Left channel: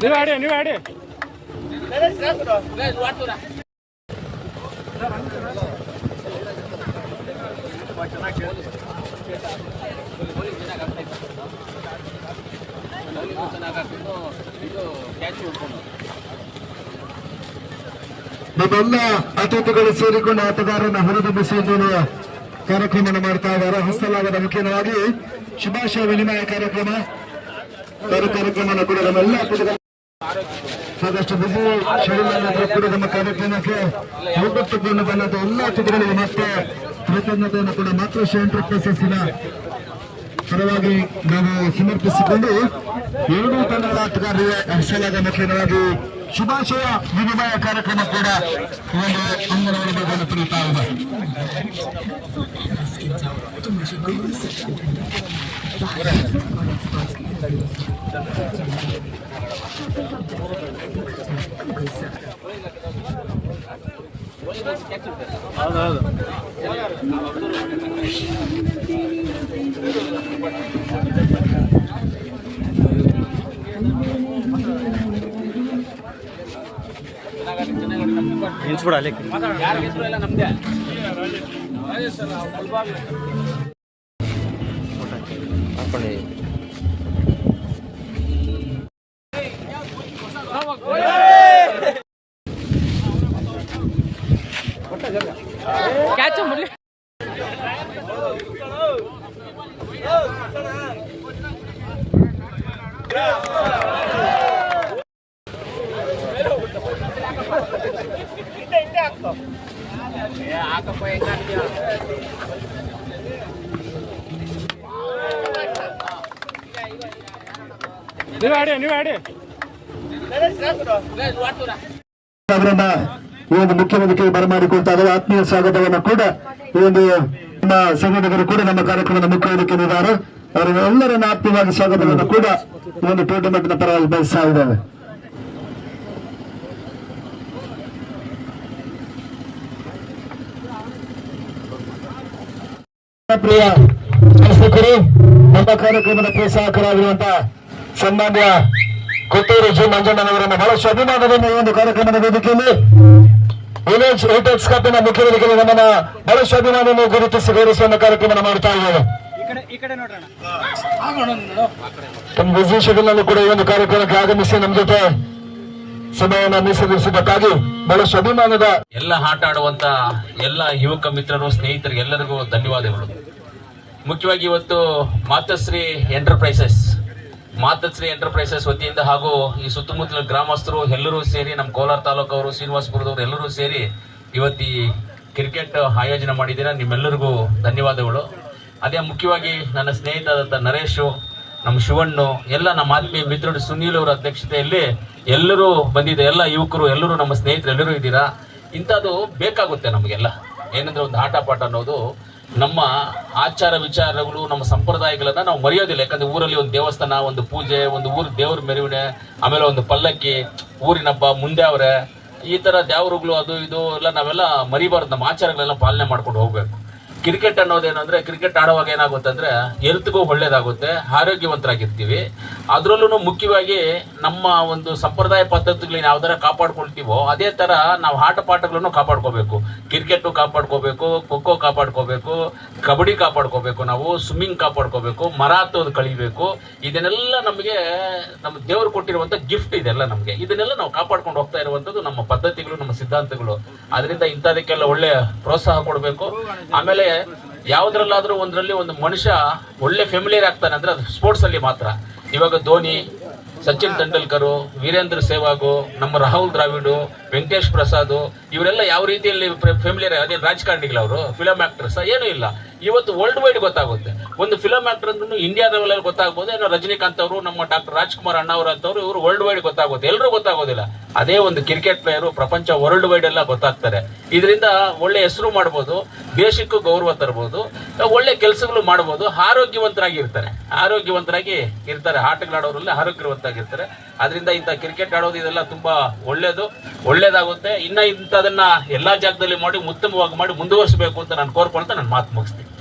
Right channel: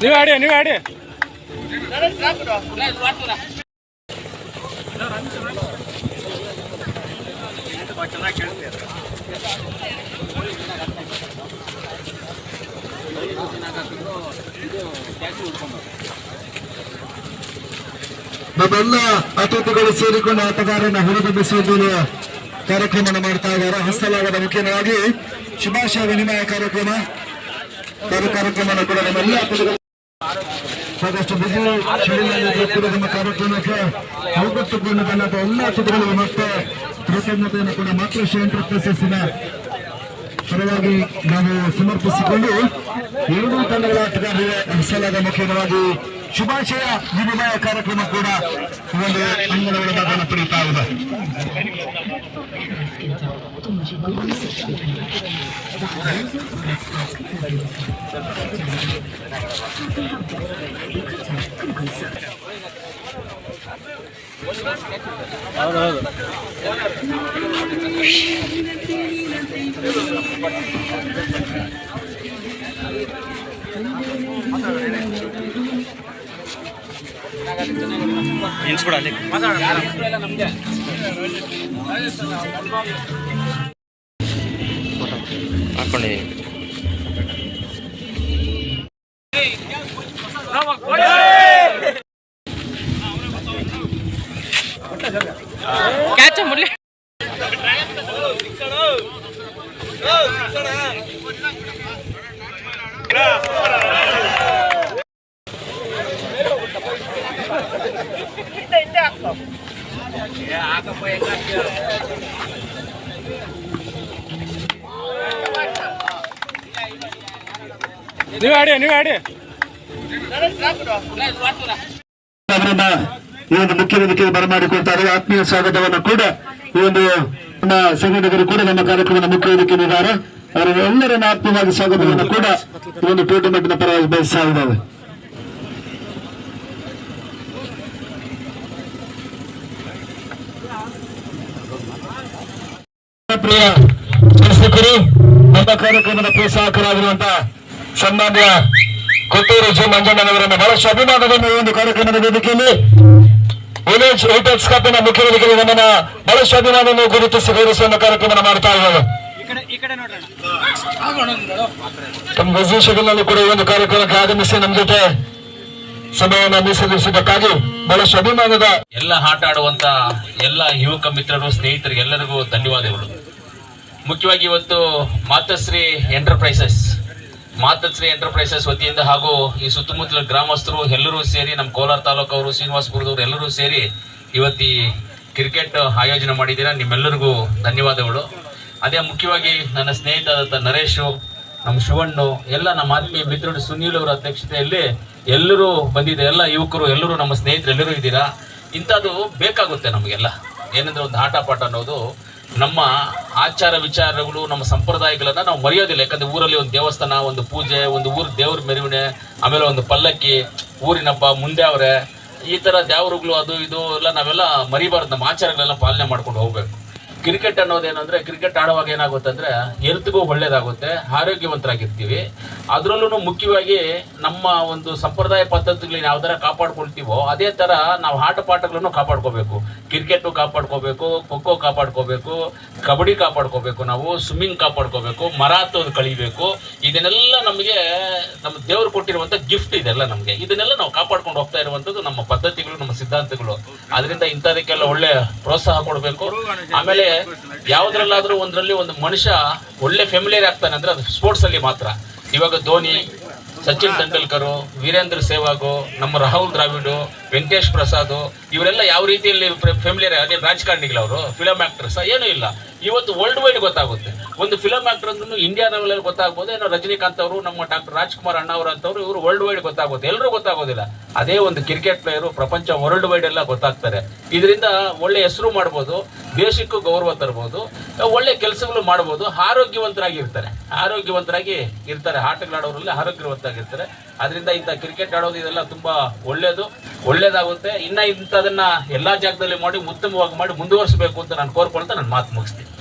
ನೀವು ಆಡಿ ನೀವು ಆಡಿ ನಮ್ಮೆಲ್ಲ ಅತಿಥಿಗಳು ಸೇರಿಕೊಂಡು ಆಟಗಾರನ ಹೊರಬಿಡಿಸುವುದನ್ನು ಕಾರ್ಯಕ್ರಮ ಮಾಡ್ತಾ ಇದ್ದಾರೆ. ಹಸ್ತಲಾಗದ ಮುಖ್ಯವಾಗಿ ಶುಭಾಶಯ ವಿನಿಮಯ ಕಾರ್ಯಕ್ರಮ. ಬೇರೆ ಕಾರ್ಯಕ್ರಮ ಕೂಡ ನಮ್ಮೆಲ್ಲ ಸಾಕಷ್ಟು ಬಿಸಿ ಶರೀರ ಕೂಡ ನಮ್ಮ ಕಾರ್ಯಕ್ರಮಕ್ಕೆ ಅವಗೊಟ್ಟುಕೊಂಡು ಬಂದ ಎಲ್ಲ ಅತಿಥಿಗಳಿಗೆ ಮತ್ತೆ ಕೃತಜ್ಞತೆಯನ್ನು ಕೂಡ ಮಾತೃಶ್ರೀ ಎಂಟರ್ಪ್ರೈಸಸ್ಸಿನ ಪರವಾಗಿ ನಾವು ಸಮರ್ಪಿಸಿಕೊಂಡು ಎರಡೂ ತಂಡಗಳ ಆಟಗಾರರಿಗೆ ಹರಿಸಲಾದ ಮುಖ್ಯವಾಗಿ ಶುಭಾಶಯ ವಿನಿಮಯ ಕಾರ್ಯಕ್ರಮ ಕೂಡ ಈ ಒಂದು ಅಂಗನಗಳ ಭಾಗವನ್ನು ಪಡೆಯುತ್ತಾ ಇದೆ ಇನ್ಸ್ಬಿಡ ಅಲ್ಲಿ ಹಾಕೊಂಡಿ ಕ್ಯಾಚ್ ಮುರ್ಲಿ ನೀವು ಆಡಿ ಆಡಿ. ಈ ಒಂದು ಮುಖ್ಯ ವೇದಿಕೆಗೆ ಬರಮಾಡಿಕೊಳ್ತಾ ಇದ್ದಾರೆ ಆತ್ಮೀಯ ಸ್ವಾಗತವನ್ನು ಕೂಡ ಈ ಒಂದು ನಮ್ಮ ಸಂಘಟಕರು ಕೂಡ ನಮ್ಮ ಕಾರ್ಯಕ್ರಮದ ಮುಖ್ಯ ಅವರಿಗೆ ಅವರೆಲ್ಲರನ್ನ ಆತ್ಮೀಯವಾಗಿ ಸ್ವಾಗತವನ್ನು ಕೂಡ ಈ ಒಂದು ಟೂರ್ನಮೆಂಟ್ನ ಪರವಾಗಿ ಬಯಸ್ತಾ ಇದ್ದಾವೆ. ಪ್ರಿಯ ಶಾಸಕರು ನಮ್ಮ ಕಾರ್ಯಕ್ರಮದ ಪ್ರೋತ್ಸಾಹಕರಾಗಿರುವಂತಹ ಸನ್ಮಾನ್ಯ ಕೊಟ್ಟೂರು ಜಿ. ಮಂಜಣ್ಣನವರನ್ನು ಬಹಳಷ್ಟು ಅಭಿಮಾನದಿಂದ ಈ ಒಂದು ಕಾರ್ಯಕ್ರಮದ ವೇದಿಕೆಯಲ್ಲಿ ವಿಲೇಜ್ ಏಟೆಕ್ಸ್ ಕಪ್ಪಿನ ಮುಖ್ಯ ವೇದಿಕೆಯಲ್ಲಿ ನಮ್ಮನ್ನ ಬಹಳಷ್ಟು ಅಭಿಮಾನವನ್ನು ಗುರುತಿಸಿ ಗೌರವಿಸುವ ಕಾರ್ಯಕ್ರಮ ಮಾಡ್ತಾ ಇದ್ದೇವೆ. ತಮ್ಮ ಬಿಸಿ ಶಿಬಿರಲ್ಲೂ ಕೂಡ ಈ ಒಂದು ಕಾರ್ಯಕ್ರಮಕ್ಕೆ ಆಗಮಿಸಿ ನಮ್ಮ ಜೊತೆ ಸಮಯವನ್ನು ಮೀಸಲಿರಿಸಿದ್ದಕ್ಕಾಗಿ ಬಹಳಷ್ಟು ಅಭಿಮಾನದ ಎಲ್ಲ ಆಟ ಆಡುವಂತ ಎಲ್ಲ ಯುವಕ ಮಿತ್ರರು, ಸ್ನೇಹಿತರಿಗೆ ಎಲ್ಲರಿಗೂ ಧನ್ಯವಾದಗಳು. ಮುಖ್ಯವಾಗಿ ಇವತ್ತು ಮಾತಶ್ರೀ ಎಂಟರ್ಪ್ರೈಸಸ್ ಮಾತಶ್ರೀ ಎಂಟರ್ಪ್ರೈಸಸ್ ವತಿಯಿಂದ ಹಾಗೂ ಈ ಸುತ್ತಮುತ್ತಲ ಗ್ರಾಮಸ್ಥರು ಎಲ್ಲರೂ ಸೇರಿ ನಮ್ಮ ಕೋಲಾರ ತಾಲೂಕು ಅವರು ಶ್ರೀನಿವಾಸಪುರದವರು ಎಲ್ಲರೂ ಸೇರಿ ಇವತ್ತು ಕ್ರಿಕೆಟ್ ಆಯೋಜನೆ ಮಾಡಿದ್ದೀರಾ, ನಿಮ್ಮೆಲ್ಲರಿಗೂ ಧನ್ಯವಾದಗಳು. ಅದೇ ಮುಖ್ಯವಾಗಿ ನನ್ನ ಸ್ನೇಹಿತರಾದಂಥ ನರೇಶು ನಮ್ಮ ಶಿವಣ್ಣು, ಎಲ್ಲ ನಮ್ಮ ಆತ್ಮೀಯ ಮಿತ್ರರು, ಸುನೀಲ್ ಅವರ ಅಧ್ಯಕ್ಷತೆಯಲ್ಲಿ ಎಲ್ಲರೂ ಬಂದಿದೆ ಎಲ್ಲ ಯುವಕರು, ಎಲ್ಲರೂ ನಮ್ಮ ಸ್ನೇಹಿತರು, ಎಲ್ಲರೂ ಇದ್ದೀರಾ? ಇಂಥದ್ದು ಬೇಕಾಗುತ್ತೆ ನಮಗೆಲ್ಲ. ಏನಂದ್ರೆ ಒಂದು ಆಟ ಪಾಠ ಅನ್ನೋದು ನಮ್ಮ ಆಚಾರ ವಿಚಾರಗಳು, ನಮ್ಮ ಸಂಪ್ರದಾಯಗಳನ್ನ ನಾವು ಮರೆಯೋದಿಲ್ಲ. ಯಾಕಂದ್ರೆ ಊರಲ್ಲಿ ಒಂದು ದೇವಸ್ಥಾನ, ಒಂದು ಪೂಜೆ, ಒಂದು ಊರ್ ದೇವ್ರ ಮೆರವಣೆ ಆಮೇಲೆ ಒಂದು ಪಲ್ಲಕ್ಕಿ ಊರಿನ ಹಬ್ಬ ಮುಂದೆ ಅವರೇ, ಈ ತರ ದೇವರುಗಳು, ಅದು ಇದು, ಎಲ್ಲ ನಾವೆಲ್ಲ ಮರಿಬಾರ್ದು. ನಮ್ಮ ಆಚಾರಗಳೆಲ್ಲ ಪಾಲನೆ ಮಾಡ್ಕೊಂಡು ಹೋಗ್ಬೇಕು. ಕ್ರಿಕೆಟ್ ಅನ್ನೋದೇನಂದ್ರೆ ಕ್ರಿಕೆಟ್ ಆಡುವಾಗ ಏನಾಗುತ್ತೆ ಅಂದ್ರೆ ಹೆಲ್ತ್ಗೂ ಒಳ್ಳೇದಾಗುತ್ತೆ, ಆರೋಗ್ಯವಂತರಾಗಿರ್ತೀವಿ. ಅದರಲ್ಲೂ ಮುಖ್ಯವಾಗಿ ನಮ್ಮ ಒಂದು ಸಂಪ್ರದಾಯ ಪದ್ಧತಿಗಳನ್ನ ಯಾವ ಥರ ಕಾಪಾಡ್ಕೊಳ್ತೀವೋ, ಅದೇ ತರ ನಾವು ಆಟ ಪಾಠಗಳನ್ನು ಕಾಪಾಡ್ಕೋಬೇಕು. ಕ್ರಿಕೆಟ್ ಕಾಪಾಡ್ಕೋಬೇಕು ಖೋಖೋ ಕಾಪಾಡ್ಕೋಬೇಕು, ಕಬಡ್ಡಿ ಕಾಪಾಡ್ಕೋಬೇಕು ನಾವು ಸ್ವಿಮ್ಮಿಂಗ್ ಕಾಪಾಡ್ಕೋಬೇಕು ಮರ ಹತ್ತೋದು ಕಳಿಬೇಕು ಇದನ್ನೆಲ್ಲ ನಮಗೆ ನಮ್ಮ ದೇವರು ಕೊಟ್ಟಿರುವಂತ ಗಿಫ್ಟ್ ಇದೆಲ್ಲ ನಮಗೆ. ಇದನ್ನೆಲ್ಲ ನಾವು ಕಾಪಾಡ್ಕೊಂಡು ಹೋಗ್ತಾ ಇರುವಂತದ್ದು ನಮ್ಮ ಪದ್ಧತಿಗಳು, ನಮ್ಮ ಸಿದ್ಧಾಂತಗಳು. ಅದರಿಂದ ಇಂಥದಕ್ಕೆಲ್ಲ ಒಳ್ಳೆ ಪ್ರೋತ್ಸಾಹ ಕೊಡಬೇಕು. ಆಮೇಲೆ ಯಾವ್ದ್ರಲ್ಲಾದ್ರೂ ಒಂದ್ರಲ್ಲಿ ಒಂದು ಮನುಷ್ಯ ಒಳ್ಳೆ ಫೆಮಿಲಿಯರ್ ಆಗ್ತಾನೆ ಅಂದ್ರೆ ಅದು ಸ್ಪೋರ್ಟ್ಸ್ ಅಲ್ಲಿ ಮಾತ್ರ. ಇವಾಗ ಧೋನಿ, ಸಚಿನ್ ತೆಂಡೂಲ್ಕರ್, ವೀರೇಂದ್ರ ಸೆಹ್ವಾಗು, ನಮ್ಮ ರಾಹುಲ್ ದ್ರಾವಿಡ್, ವೆಂಕಟೇಶ್ ಪ್ರಸಾದ್, ಇವರೆಲ್ಲ ಯಾವ ರೀತಿಯಲ್ಲಿ ಫೆಮಿಲಿಯರ್ ರಾಜಕಾರಣಿಗಳು ಅವರು ಫಿಲಂ ಆಕ್ಟರ್ಸ್ ಏನೂ ಇಲ್ಲ. ಇವತ್ತು ವರ್ಲ್ಡ್ ವೈಡ್ ಗೊತ್ತಾಗುತ್ತೆ. ಒಂದು ಫಿಲಮ್ ಆಕ್ಟರ್ ಅಂದ್ರೂ ಇಂಡಿಯಾ ಲೆವೆಲ್ ಅಲ್ಲಿ ಗೊತ್ತಾಗ್ಬೋದು, ಏನೋ ರಜನಿಕಾಂತ್ ಅವರು, ನಮ್ಮ ಡಾಕ್ಟರ್ ರಾಜ್ಕುಮಾರ್ ಅಣ್ಣ ಅಂತವ್ರು, ಇವರು ವರ್ಲ್ಡ್ ವೈಡ್ ಗೊತ್ತಾಗೋದು ಎಲ್ಲರೂ ಗೊತ್ತಾಗೋದಿಲ್ಲ. ಅದೇ ಒಂದು ಕ್ರಿಕೆಟ್ ಪ್ಲೇಯರು ಪ್ರಪಂಚ ವರ್ಲ್ಡ್ ವೈಡ್ ಎಲ್ಲ ಗೊತ್ತಾಗ್ತಾರೆ. ಇದರಿಂದ ಒಳ್ಳೆ ಹೆಸರು ಮಾಡ್ಬೋದು, ದೇಶಕ್ಕೂ ಗೌರವ ತರಬಹುದು ಒಳ್ಳೆ ಕೆಲಸಗಳು ಮಾಡ್ಬೋದು ಆರೋಗ್ಯವಂತರಾಗಿ ಇರ್ತಾರೆ ಆರೋಗ್ಯವಂತರಾಗಿ ಇರ್ತಾರೆ. ಆಟಗಳಾಡೋರೆಲ್ಲ ಆರೋಗ್ಯವಂತರಾಗಿರ್ತಾರೆ. ಅದರಿಂದ ಇಂಥ ಕ್ರಿಕೆಟ್ ಆಡೋದು ಇದೆಲ್ಲ ತುಂಬಾ ಒಳ್ಳೇದು. ಒಳ್ಳೇದಾಗುತ್ತೆ. ಇನ್ನ ಇಂಥದನ್ನ ಎಲ್ಲಾ ಜಾಗದಲ್ಲಿ ಮಾಡಿ, ಉತ್ತಮವಾಗಿ ಮಾಡಿ, ಮುಂದುವರಿಸಬೇಕು ಅಂತ ನಾನು ಕೋರ್ಕೊಳ್ತಾ ನಾನು ಮಾತು ಮುಗಿಸ್ತೀನಿ.